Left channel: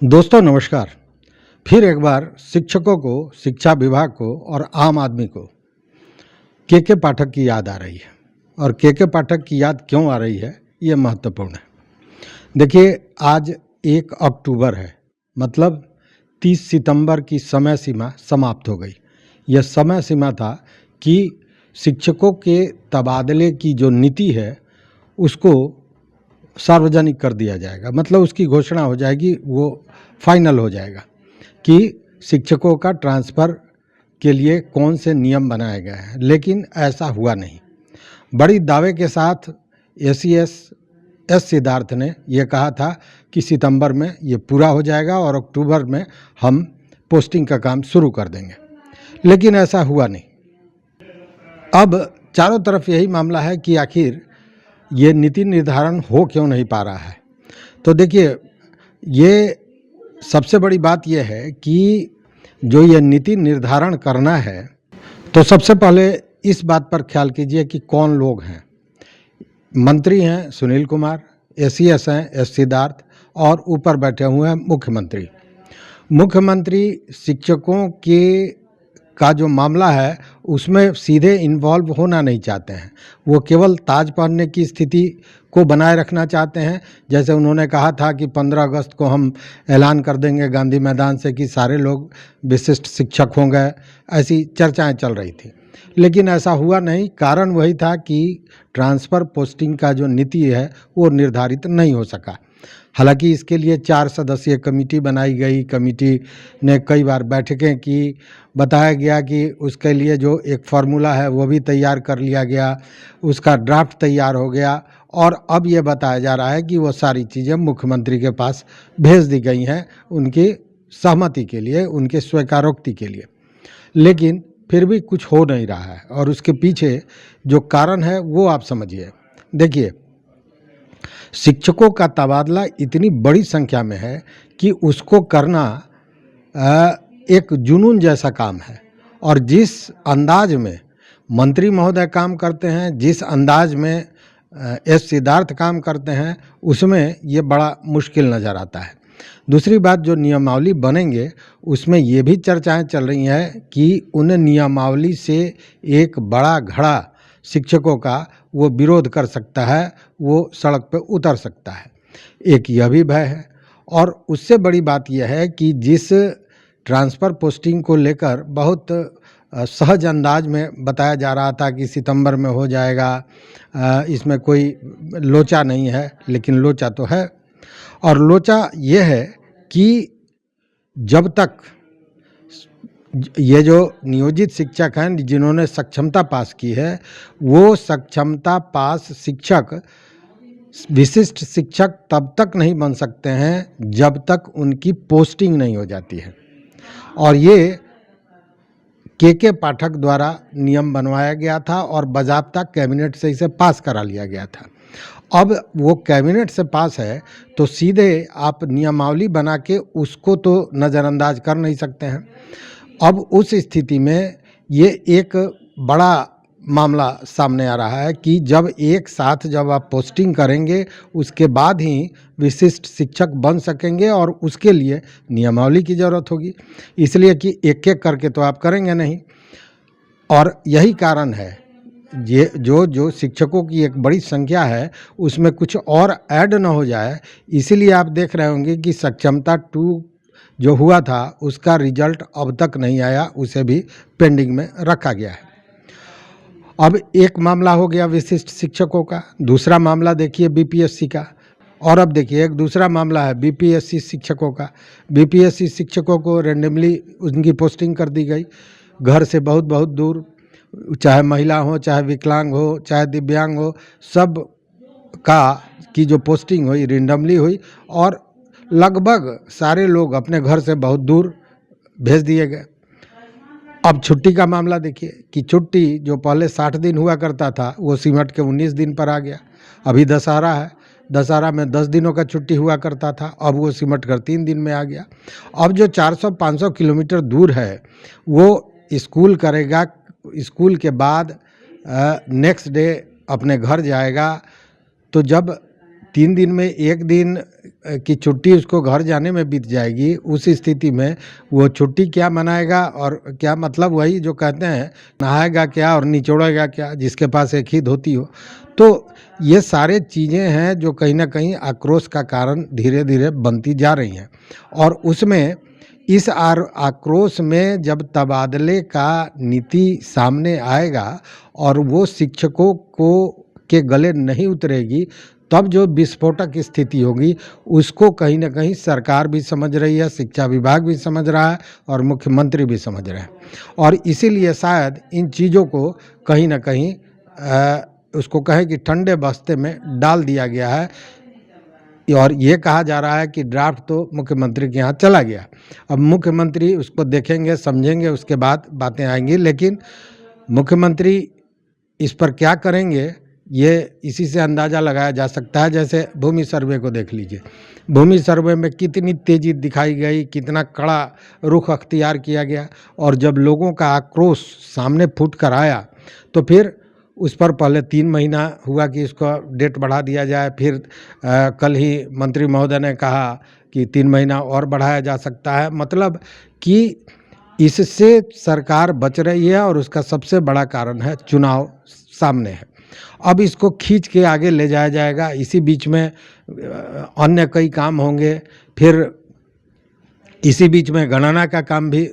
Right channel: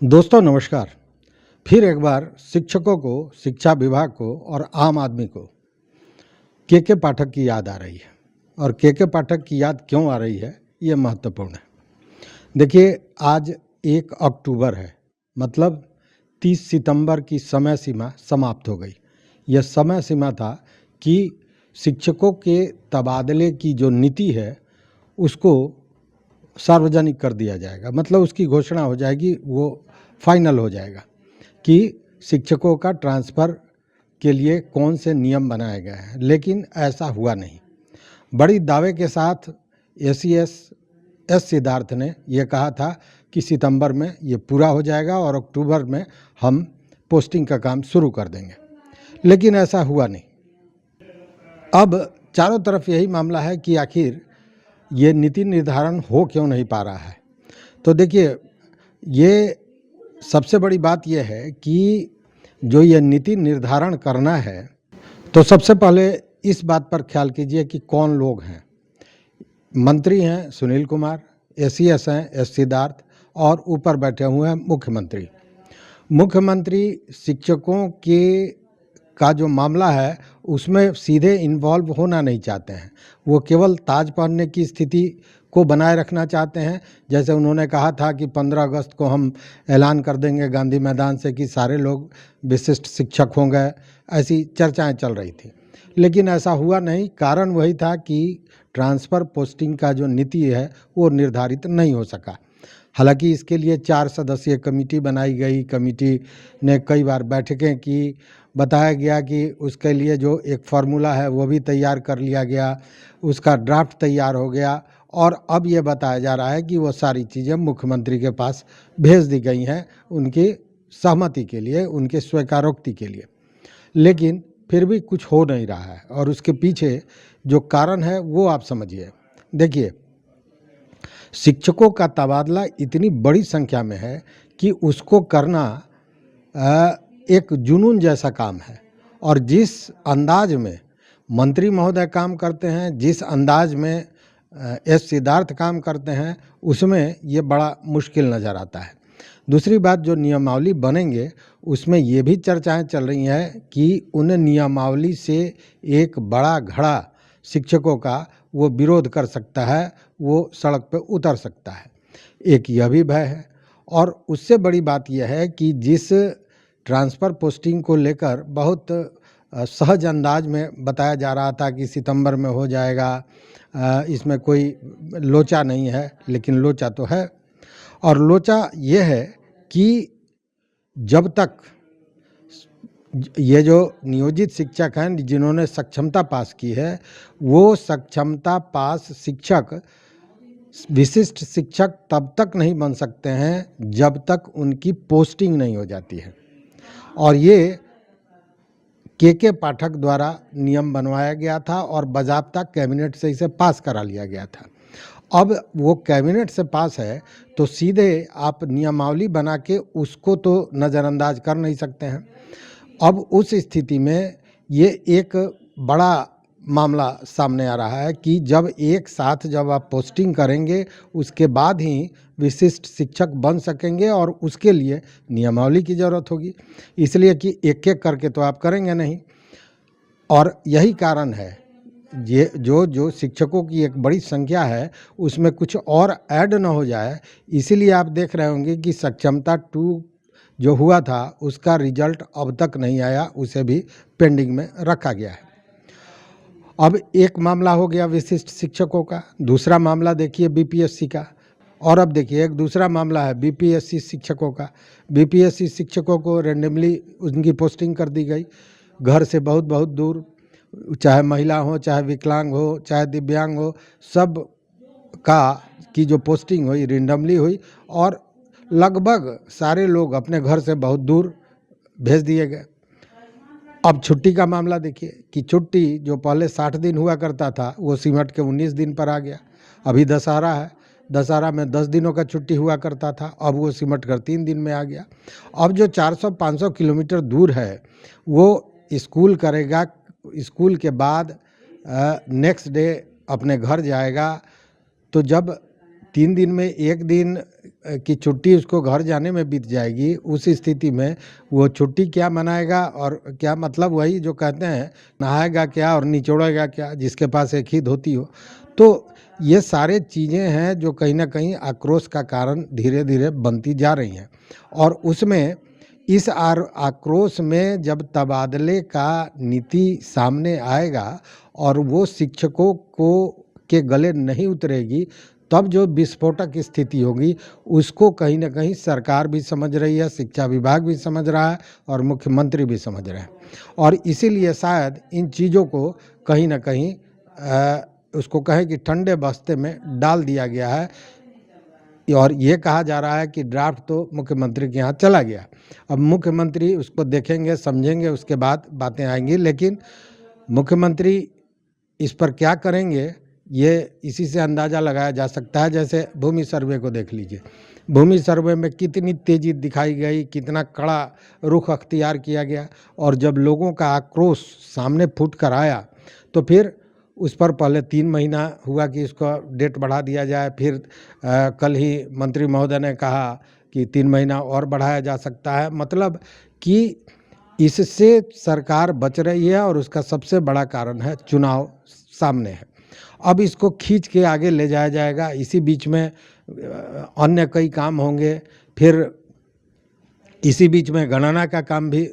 दोस्तों नमस्कार। फिर एक बार शिक्षकों को, शिक्षा विभाग को और आम आदमी को के पाठक की याद आ रही है। और के पाठक की याद क्यों आ रही है, ये महत्वपूर्ण है। देखिए, आज 1 अक्टूबर है, मतलब 30 सितंबर की समय सीमा समाप्त हो गई। यह समय सीमा था कि शिक्षकों के तबादले की जो नीति है उसको सार्वजनिक कर दिया जाएगा, मतलब उसकी घोषणा हो जाएगी, वो फाइनल हो जाएगा कि शिक्षकों का ट्रांसफ़र के लिए कौन से नियम बनाए गए हैं। लेकिन ऐसा हुआ नहीं। बड़ी दावे के साथ एस सिद्धार्थ ने यह कहा था कि सितंबर में ये पूरा हो जाएगा और अक्टूबर में हम पोस्टिंग का काम शुरू कर देंगे, लेकिन ऐसा हुआ नहीं। अब चारों तरफ यही मामला है कि आखिर ये नीति निर्धारण हो क्यों नहीं पा रहा है। तो देखिए, ये सबसे बड़ी बात यह है कि जो ये नीति निर्धारण करना है, तो सबसे पहले इस बात पर ख्याल कीजिए कि कौन लोग हैं। मंत्री हैं सुनील कुमार, एसीएस हैं एस सिद्धार्थ, और ऊपर बैठे हुए हैं मुख्यमंत्री। मुख्यमंत्री शिक्षकों के का जो मामला है उसमें सीधे इन्वॉल्व होना नहीं चाहते हैं। वो केवल ताज पहनने की स्थिति को बनाए रखना चाहते हैं। जैसे उन्होंने कहा था कि 15 अगस्त को हम ऐलान कर देंगे गांधी मैदान से कि सारे लोग विशिष्ट शिक्षक हो गए, ऐसी चर्चाएं चल रही थी। लेकिन ऐसा हुआ नहीं। कारण वही था कि ट्रांसफ़र पोस्टिंग का जो नीति है वो निर्धारित नहीं हो सका। हालांकि इसके लिए 4 सदस्यीय कमेटी बनाई गई। कमेटी ने कई बार बैठकें की। बताया गया कि उसके लिए जो एक फार्मूला है वो भी तैयार कर लिया गया, उसका ड्राफ्ट तैयार हो गया, और अब ये बताया जा रहा है कि वो सारी चीज़ें मुख्यमंत्री के पास भेज दी गई हैं उनकी सहमति के लिए, उनके स्वीकारोक्ति के लिए। लेकिन फिर भी कुछ हो नहीं रहा है, और उसके पीछे जो कारण है वो आप समझिए। देखिए, शिक्षकों का तबादला इतनी बड़ी संख्या में है कि उसको करना एक जुनून जैसा काम है। और जिस अंदाज में मंत्री महोदय काम करते हैं, जिस अंदाज में एस सिद्धार्थ काम करते हैं, उसमें ये बड़ा मुश्किल नज़र आता है। दूसरी बात, जो नियमावली बनेंगे उसमें ये भी चर्चाएं चल रही हैं कि उन नियमावली से एक बड़ा घड़ा शिक्षकों का वो विरोध कर सकता है, वो सड़क पे उतर सकता है। एक यह भी भय है। और उससे बड़ी बात यह है कि जिस ट्रांसफ़र पोस्टिंग को लेकर बहुत सहज अंदाज में बताया जा रहा था कि सितंबर में हो जाएगा, इसमें कोई लोचा नहीं है, लेकिन लोचा तो है। और लोचा ये है कि जब तक ये जो नियोजित शिक्षक हैं जिन्होंने सक्षमता पास की है, वो सक्षमता पास शिक्षक विशिष्ट शिक्षक तब तक नहीं बन सकते हैं जब तक उनकी पोस्टिंग नहीं हो जाती है। और ये के पाठक द्वारा नियम बनवाया गया था और बाज़ाब्ता कैबिनेट से इसे पास करा लिया गया था। अब वो कैबिनेट से पास है तो सीधे आप नियमावली बना के उसको तो नज़रअंदाज कर नहीं सकते हैं। अब उस स्थिति में ये एक बड़ा मामला सामने आ रहा है कि जब एक साथ जब आप पोस्टिंग करेंगे उसके बाद ही विशिष्ट शिक्षक बन सकेंगे, और उसके लिए नियमावली की ज़रूरत होगी। इसलिए कि एक एक करके तो आप करेंगे नहीं। और यही कारण है, ये जो शिक्षकों की एक बड़ी संख्या है उसमें कुछ और ऐड ना हो जाए। इसीलिए आप देख रहे होंगे कि सक्षमता 2 जो हुआ था उसका रिजल्ट अब तक नहीं आया, उसे भी पेंडिंग में रखा गया है। अब एक मामला हो गया विशिष्ट शिक्षकों का। दूसरा मामला देखिए बीपीएससी का। और अब देखिए एक दूसरा मामला है बीपीएससी शिक्षकों का। बीपीएससी शिक्षकों को रैंडमली उनकी पोस्टिंग कर दी गई, घर से बहुत बहुत दूर, चाहे महिला हो, चाहे विकलांग हो, चाहे दिव्यांग हो, सब का की जो पोस्टिंग हुई रैंडमली हुई, और लगभग सारे लोग अपने घर से बहुत दूर भेज दिए गए। अब छुट्टी का मामला देखिए कि छुट्टी जो पहले 60 दिन हुआ करता था वो सिमट के 19 दिन पर आ गया। अभी दशहरा है, दशहरा में 10 दिनों का छुट्टी हुआ करता था, अब वो सिमट कर 3 दिन में आ गया। अब जो 400-500 किलोमीटर दूर है वो स्कूल करेगा, स्कूल के बाद नेक्स्ट डे अपने घर जाएगा। तो जब 3 दिन में 1 दिन की छुट्टी उसको घर जाने में बीत जाएगी। उस स्थिति में वो छुट्टी क्या मनाएगा और क्या, मतलब वही जो कहते हैं नहाएगा क्या और निचोड़ेगा क्या, जिसके पास एक ही धोती हो। तो ये सारे चीज़ें हैं जो कहीं ना कहीं आक्रोश का कारण धीरे धीरे बनती जा रही हैं। और उसमें इस आक्रोश में जब तबादले का नीति सामने आएगा और वो शिक्षकों को के गले नहीं उतरेगी, तब जो विस्फोटक स्थिति होगी उसको कहीं ना कहीं सरकार भी समझ रही है, शिक्षा विभाग भी समझ रहा है और मुख्यमंत्री भी समझ रहे हैं। और इसीलिए शायद इन चीज़ों को कहीं ना कहीं उसको कहें कि ठंडे बस्ते में डाल दिया गया है। और ये कहा जा रहा है कि ड्राफ्ट तो मुख्यमंत्री के यहाँ चला गया, अब मुख्यमंत्री उसको देखेंगे, समझेंगे, उसके बाद बातें आएंगी। लेकिन मुख्यमंत्री इस पर क्या करेंगे ये इसी से अंदाज़ा लगाया जा सकता है। जैसे भूमि सर्वे को देख लीजिए, भूमि सर्वे में कितनी तेज़ी दिखाई गई, कितना कड़ा रुख अख्तियार किया गया, और जब लोगों का आक्रोश सामने फूट कर आया तो फिर उस पर पहले 3 महीना हुआ कि इसको डेट बढ़ा दिया जाए, फिर कल ही मंत्री महोदय ने कहा कि 3 महीना और बढ़ाया जा सकता है। मतलब कि इससे सरकार बच रही है और उसका सबसे बड़ा कारण है चुनाव सामने है। अब इसको खींच के आगे ले जाया जाएगा, इसी बीच में अन्य कई काम होंगे, फिर इसी बीच में गणना का काम भी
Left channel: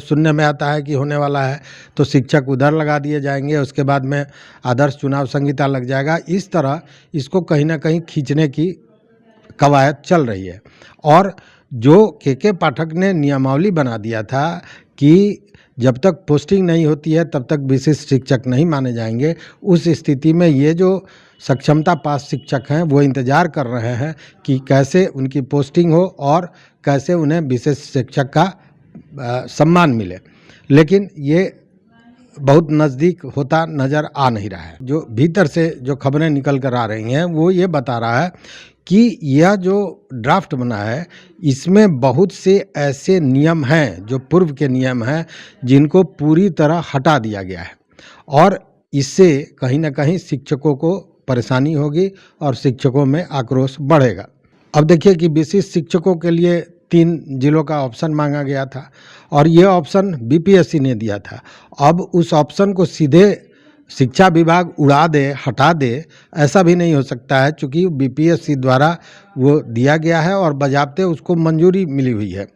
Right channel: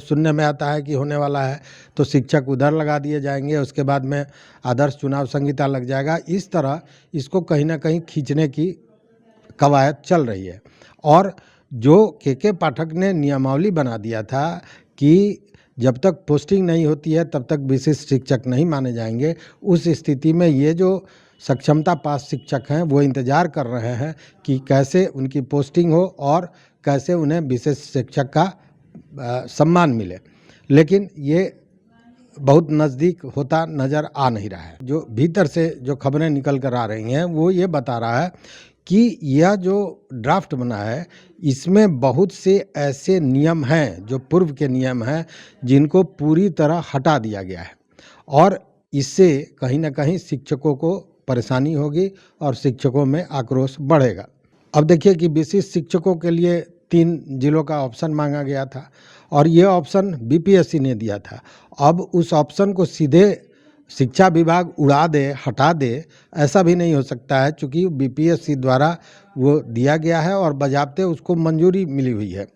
सुनने में आता है कि होने वाला है, तो शिक्षक उधर लगा दिए जाएंगे, उसके बाद में आदर्श चुनाव संहिता लग जाएगा। इस तरह इसको कहीं ना कहीं खींचने की कवायद चल रही है। और जो के पाठक ने नियमावली बना दिया था कि जब तक पोस्टिंग नहीं होती है तब तक विशिष्ट शिक्षक नहीं माने जाएंगे, उस स्थिति में ये जो सक्षमता पास शिक्षक हैं वो इंतज़ार कर रहे हैं कि कैसे उनकी पोस्टिंग हो और कैसे उन्हें विशेष शिक्षक का सम्मान मिले। लेकिन ये बहुत नज़दीक होता नज़र आ नहीं रहा है। जो भीतर से जो खबरें निकल कर आ रही हैं वो ये बता रहा है कि यह जो ड्राफ्ट बना है इसमें बहुत से ऐसे नियम हैं जो पूर्व के नियम हैं जिनको पूरी तरह हटा दिया गया है, और इससे कहीं ना कहीं शिक्षकों को परेशानी होगी और शिक्षकों में आक्रोश बढ़ेगा। अब देखिए कि विशिष्ट शिक्षकों के लिए 3 जिलों का ऑप्शन मांगा गया था और ये ऑप्शन बीपीएससी ने दिया था। अब उस ऑप्शन को सीधे शिक्षा विभाग उड़ा दे, हटा दे, ऐसा भी नहीं हो सकता है, क्योंकि बीपीएससी द्वारा वो दिया गया है और बजाबते उसको मंजूरी मिली हुई है।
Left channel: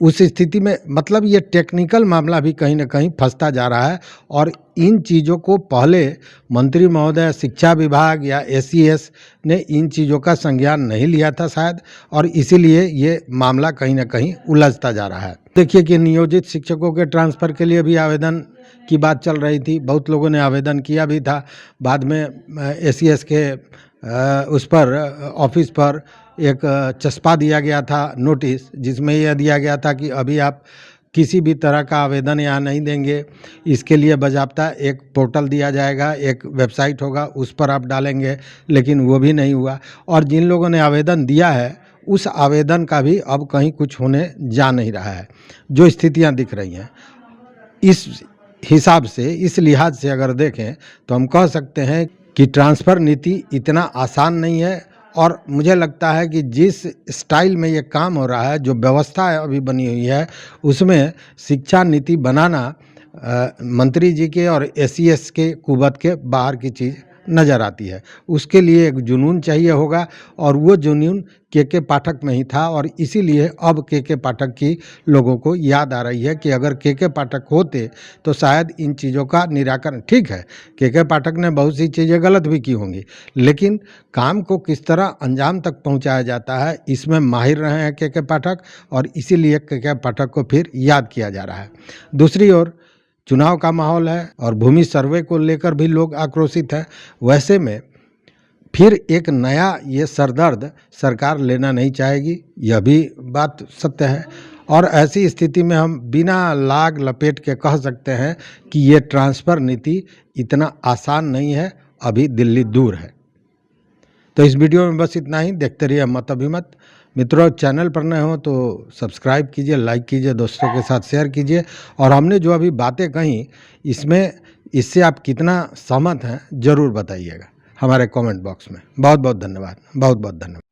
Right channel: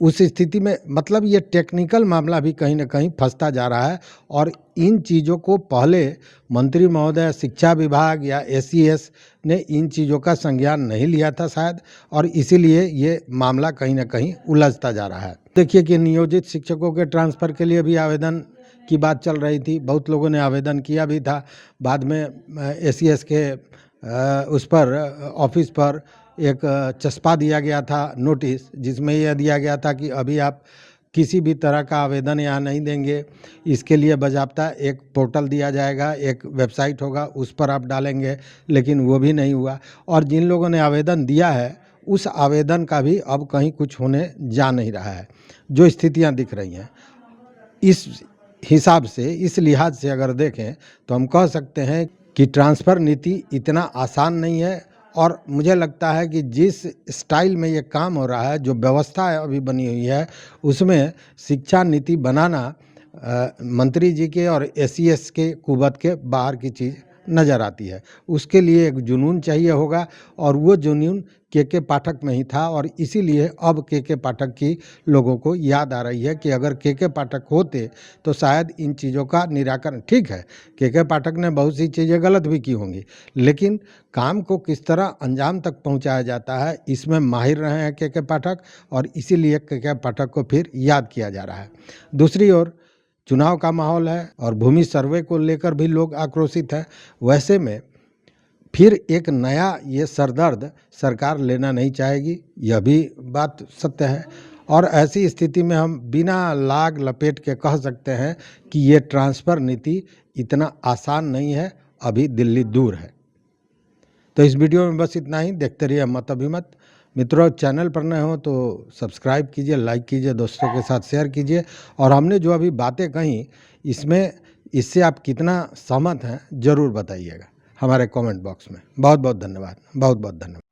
उस स्थिति में मतलब ये टेक्निकल मामला भी कहीं ना कहीं फंसता जा रहा है, और इन चीज़ों को पहले मंत्री महोदय, शिक्षा विभाग या एसईएस ने इन चीज़ों का संज्ञान नहीं लिया था शायद, और इसीलिए ये मामला कहीं ना कहीं उलझता जा रहा है। देखिए कि नियोजित शिक्षकों के ट्रांसफ़र के लिए भी आवेदन की बात चल रही थी, बहुत लोगों ने आवेदन किया भी था। बाद में एसईएस के उस पर ऑफिस पर एक चस्पा दिया गया था नोटिस, जिसमें यह दिया गया था कि अभी आप किसी भी तरह का आवेदन यहाँ नहीं देंगे, इसके लिए बाकायदा एक पोर्टल दिया जाएगा, एक वेबसाइट होगा, उस पर आप डालेंगे। लेकिन वो भी नहीं हुआ, और जिन लोगों ने आवेदन दिया है उस आवेदन का भी अब कहीं कुछ होने जा नहीं रहा है। जो स्थितियाँ दिख रही हैं इस हिसाब से, इस लिहाज से अगर देखें तो हम कह सकते हैं कि ट्रांसफ़र नीति इतना आसान नहीं है। और मुझे लगता है कि जिस स्टाइल में ये काम हो रहा है, जो व्यवस्था अभी बनी हुई है, उसमें शिक्षा नीति बनाना मंत्री जी के और एसईएस के कुवत के बाहर की चीज़ नज़र आती है। उसके लिए एक जुनून चाहिए होगा, और वो जुनून के पाठक में ही था, और इसीलिए अब के पाठक की लोगों को याद आ रही है कि अगर के पाठक होते तो शायद इन चीज़ों का निराकरण। ठीक है, के पाठक ने बहुत सी चीज़ें गलत भी की होंगी, लेकिन काम को किस तरह अंजाम तक पहुंचाया जाता है इसमें माहिर रहे हैं के पाठक, और इसीलिए के पाठक को फिर याद किया जा रहा है। दूसरी ओर चुनाव का माहौल है और भूमि सर्वे को लेकर भी लोग आक्रोशित हैं। वैसे में फिर एक नया ये सरदर्द सरकार लेना नहीं चाहेगी, यह भी बात सत्य है। और ऐसी स्थिति में हम बिना लाग लपेट के कह सकते हैं कि ये ट्रांसफ़र नीति इतना आसान नहीं है, अभी दिल्ली दूर है। तो इस वीडियो में बस इतना ही। देखते रहिए मत अभिमत। मित्रों, चैनल पर नए हो तो सब्सक्राइब कीजिए, लाइक कीजिए, दोस्तों के साथ शेयर कीजिए, और हमने जो अभी बातें कही इससे आप कितना सहमत हैं ज़रूर बताइएगा। हमारे कमेंट बॉक्स में। बहुत बहुत धन्यवाद, बहुत बहुत धन्यवाद।